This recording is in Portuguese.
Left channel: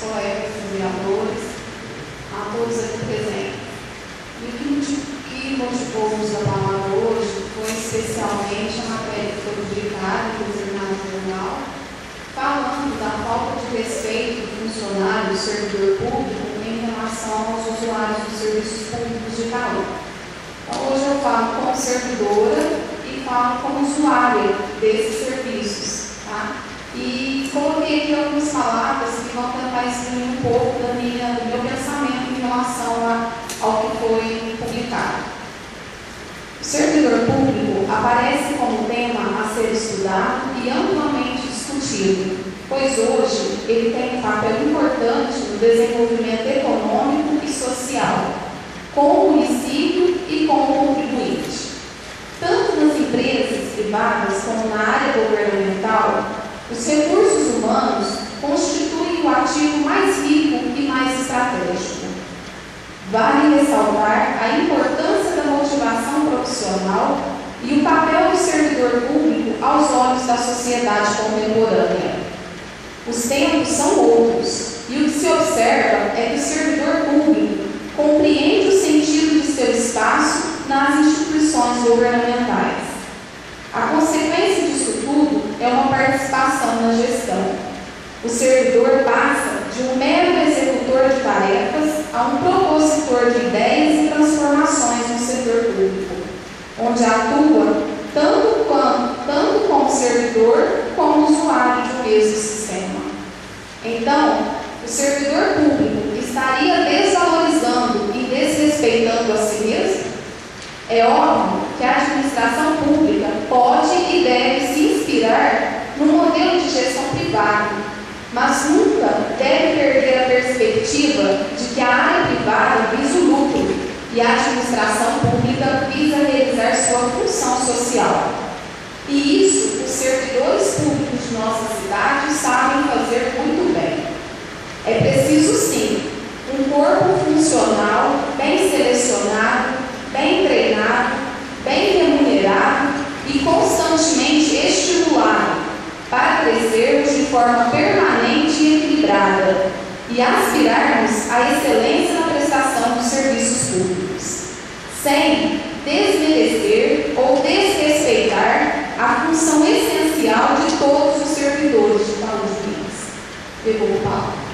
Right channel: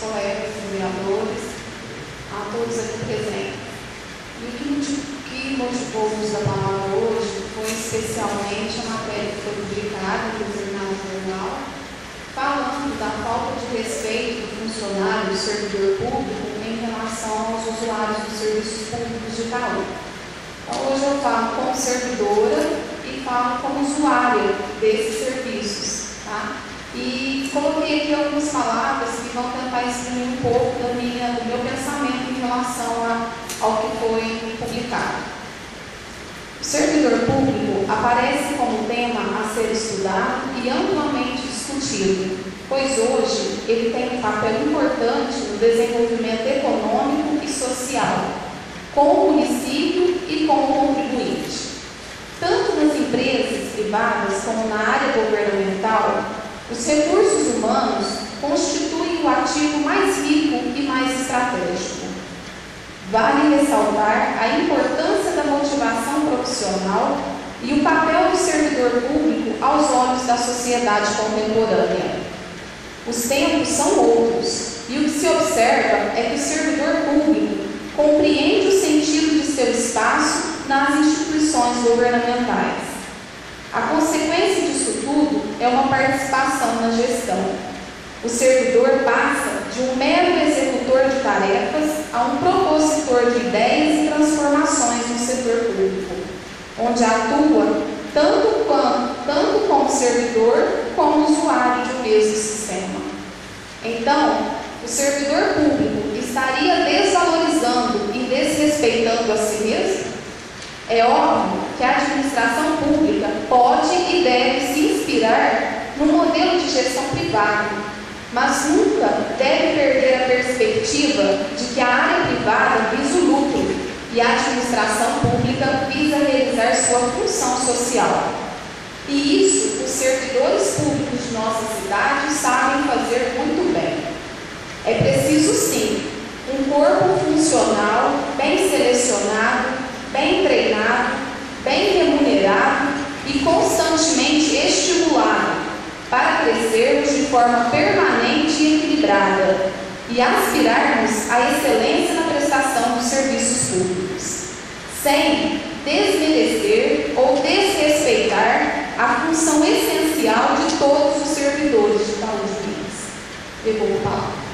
colegas vereadores, a todos aqui presentes. E o que motivou o uso da palavra hoje foi especialmente a matéria que foi publicada no determinado jornal, falando da falta de respeito do funcionário, do servidor público, em relação aos usuários dos serviços públicos de saúde. Então, hoje eu falo como servidora e falo como usuária desses serviços, tá? E coloquei aqui algumas palavras que vão tentar exprimir um pouco do meu pensamento em relação ao que foi publicado. O servidor público aparece como tema a ser estudado e amplamente discutido, pois hoje ele tem um papel importante no desenvolvimento econômico e social, com o município e com o contribuinte. Tanto nas empresas privadas como na área governamental, os recursos humanos constituem o ativo mais rico e mais estratégico. Vale ressaltar a importância da motivação profissional e o papel do servidor público aos olhos da sociedade contemporânea. Os tempos são outros, e o que se observa é que o servidor público compreende o sentido de seu espaço nas instituições governamentais. A consequência disso tudo é uma participação na gestão. O servidor passa de um mero executor de tarefas a um propositor de ideias e transformações no setor público, onde atua tanto como servidor como usuário de um mesmo sistema. Então, o servidor público estaria desvalorizando e desrespeitando a si mesmo? É óbvio que a administração pública pode e deve se inspirar no modelo de gestão privada, mas nunca deve perder a perspectiva de que a área privada visa o lucro e a administração pública visa realizar sua função social. E isso os servidores públicos de nossa cidade sabem fazer muito bem. É preciso, sim, um corpo funcional bem selecionado, bem treinado, bem remunerado e constantemente estimulado para crescermos de forma permanente e equilibrada e aspirarmos à excelência na prestação dos serviços públicos, sem desmerecer ou desrespeitar a função essencial de todos os servidores de saúde pública. Devolvo a palavra.